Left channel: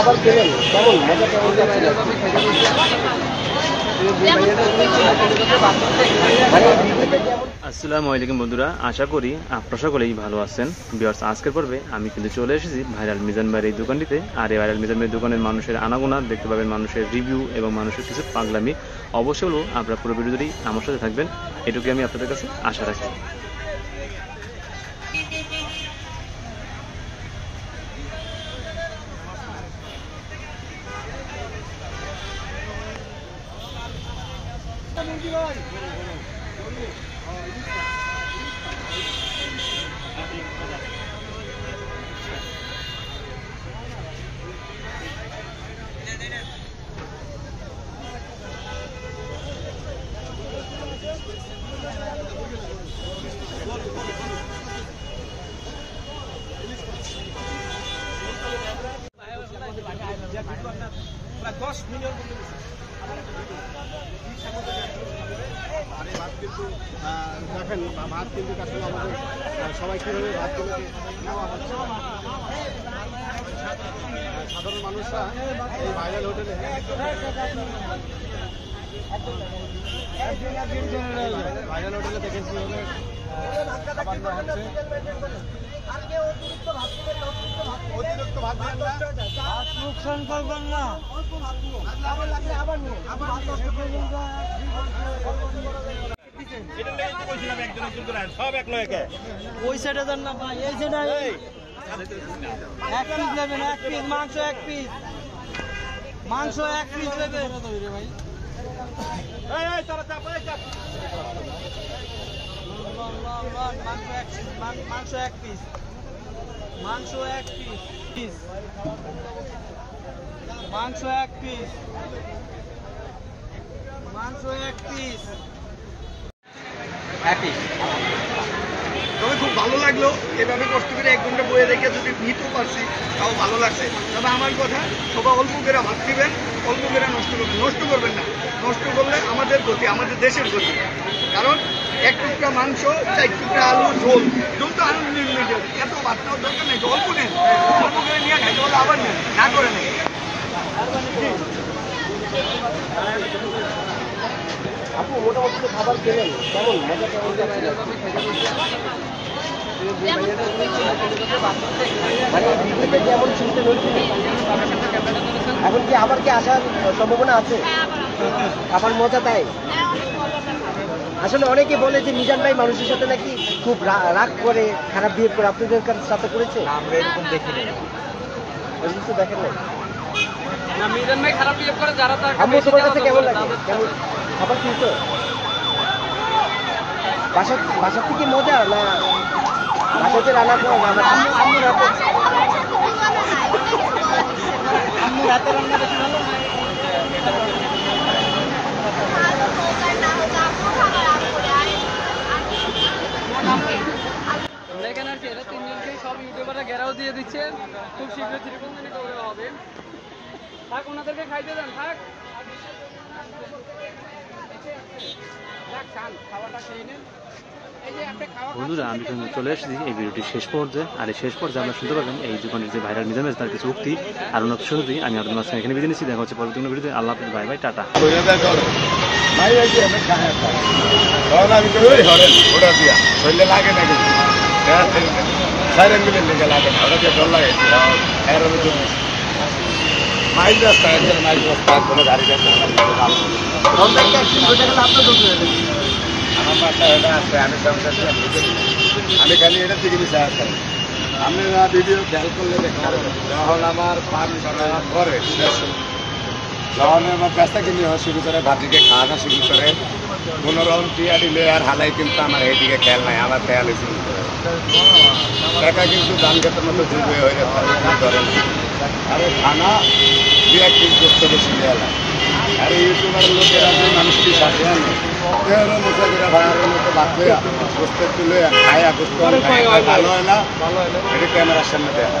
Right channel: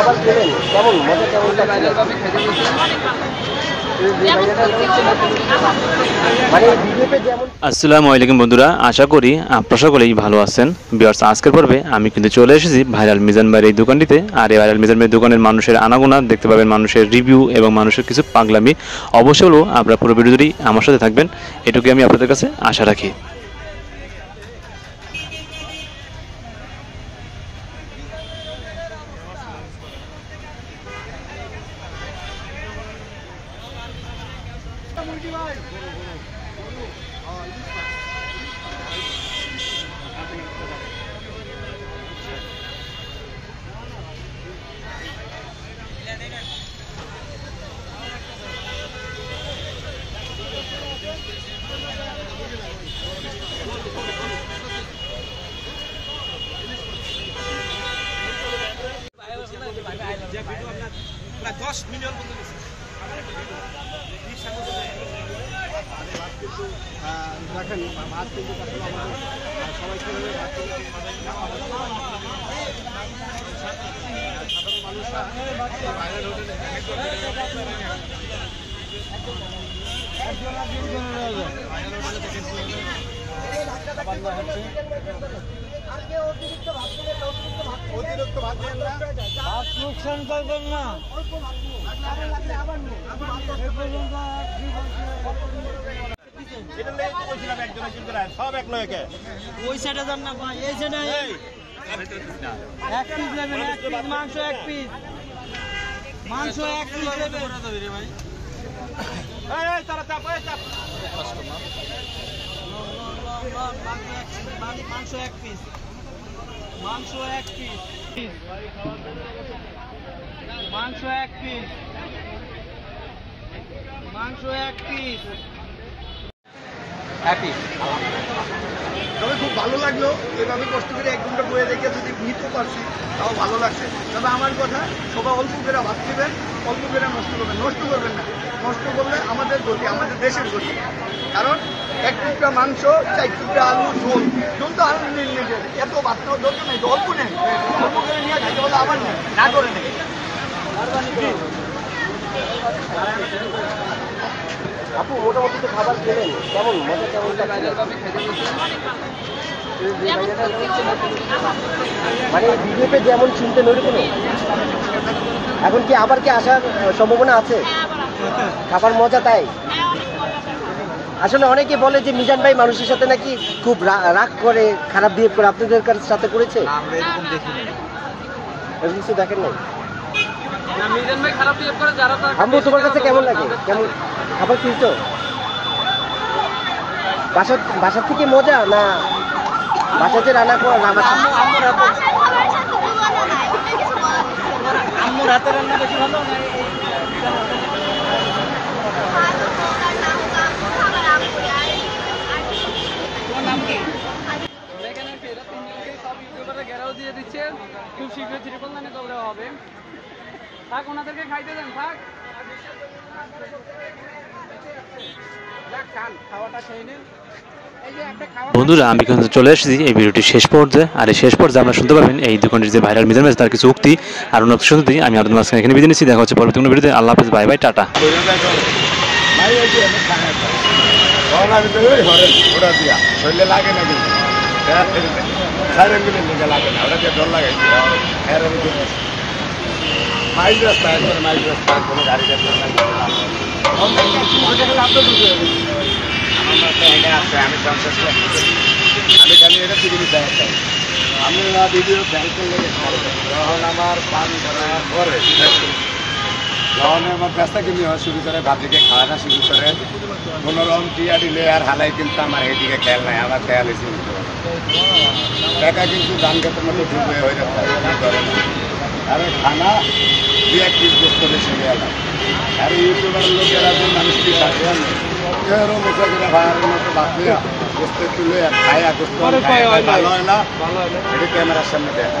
খাবার খেলেন কেমন মজা কেমন আসসালামু আলাইকুম বন্ধুরা, আশা করি আপনারা সকলেই ভালো আছেন। ভিউয়ার্স, আজকের পর্বে আমি কিন্তু চলে এসেছি ভাইরাল মিজান ভাইয়ের এই দোকানটিতে। আর এই ভাইরাল মিজান ভাইয়ের দোকানের মানুষের আনাগোনা দেখতে পাবেন, মানুষের রিভিউ এবং মানুষের কিছু পাগলামি। অবশ্যই হলো আপনারা পুরো ভিডিওটি আমার সাথে থাকবেন, এটুকুই আমি আপনাদের কাছে আশা রাখি। দেখেন ভাত কিন্তু সবাই কিভাবে সব এক লয়কে ওই সাইডে যান না ভাই, এই সাইডে এক পিস নেবেন, এক পিস মাংস, এক পিস মাংস, এক পিস নেবেন ভাই। মাংস এক পিস, মাংস এক পিস, মাংস এক পিস, মাংস এক পিস, এক পিস। তবে খুব ভালো লাগলো, এভাবে কষ্ট করে 1 ঘন্টা বয়ে রেখে যদি নিতেও পারছি তাও ভালো লাগছে। তবে আমার কথা, সবাই অল্প করে ভাত দিবেন, অল্প করে নষ্ট করবেন, নষ্ট করবেন না। নষ্ট করলে আমাদের গতি, আমাদের দেশের গতি। কারণ 1 টুকরা মাংস, 4 টুকরা আলু, ঝোল ঝোল তো আলু নিয়ে নিয়ে যাবে, এত ভাত নেওয়ার দরকার নেই। অল্প নেন, অল্প করে নিয়ে খাইতে হলে আবার নেন, না করে নেন। আপনি মোটামুটি তো খাবার খেলেন কেমন মজা কেমন মানে ভিডিওতে যেমন চিনতে নড়বে এখন কি আবার কি আসার সম্ভাবনা আছে? খাবার মজা তাই? আসলে অনেকে বলে যে মিজান ভাই মানুষের সাথে নাকি খুব রাগ করে, খারাপ বিহেভ করে, আপনাদের সাথে করেছে? আমরা এরকম দেখি না, এরকম কিছু দেখেন না? মিজান ভাই খারাপ বিহেভ করে যারা আমি তোমার কাছে কেমন লাগে? কেমন খাবার কিনছো? বাসার থেকে মজা না বাসাতে রান্না করো না? আম্মু রাতের রান্না বেশি ভালো। দেখেন আর কি, এরা 3 জনকেই সব ইউটিউবাররা ঘেরাও দিয়ে দিচ্ছে। খুব শীঘ্রই ত্রিপল দানি করে দেওয়া হবে। থাক, ওনাদেরকে খাইতে দেন, থাক। খাওয়াটা খেয়ে নিন। বন্ধুরা, আমি কিন্তু চলে এসেছি এই ভিডিওটি শেষ পর্যায়ে। আর এই শেষ পর্যায়ে আপনারা শুনতে পাবেন এই দোকানের যে ভাইরাল মিজান ভাই তার কিছু উক্তি আর উন্নত শুনতে আমি আপনাদের মাঝখানে এখানে বিদায় নিচ্ছি। দেখা হচ্ছে পরবর্তী কোনো ভিডিওতে। আল্লাহ হাফেজ, বাই বাই, টাটা। ওটা দিয়া শরীরে লাগে না, কিন্তু লাগে না, ওটা দিয়ে ডর লাগাইছি। মাইক রাস্তা, মাইক রাস্তা, কোনো গাড়ি আছে, আমি খালি এটা টিভি দেখা চাই। আমি ভিডিও খেয়াল করলে যখন আমার পান করে, যখন আমার ব্যস্তা কিনে শুরু করে, ভাতিকে খাওয়াটা শুরু করে, কোনোরকম টিয়া দিলে আর হালাই, কিন্তু আমার এইদিকে খেয়াল নাই, আমার খেয়াল এসে নিতে পারে। টাকা কিন্তু ধান ক্ষেতের মতো ডুবে হয়ে যাচ্ছে, ধরে না। আরে খানা 2-1 পিস গোস্ত বেশি দেওয়া লাগে। আর ইউটিউবার লোকেরা মানুষ কি পাশে আনে মুখে করে ভাড়ার মতো বাদ দেয়া গোস্তের তুলে খায়, গোস্ত ভালো হয় না, এটা ক্যামেরার সামনে দেখা।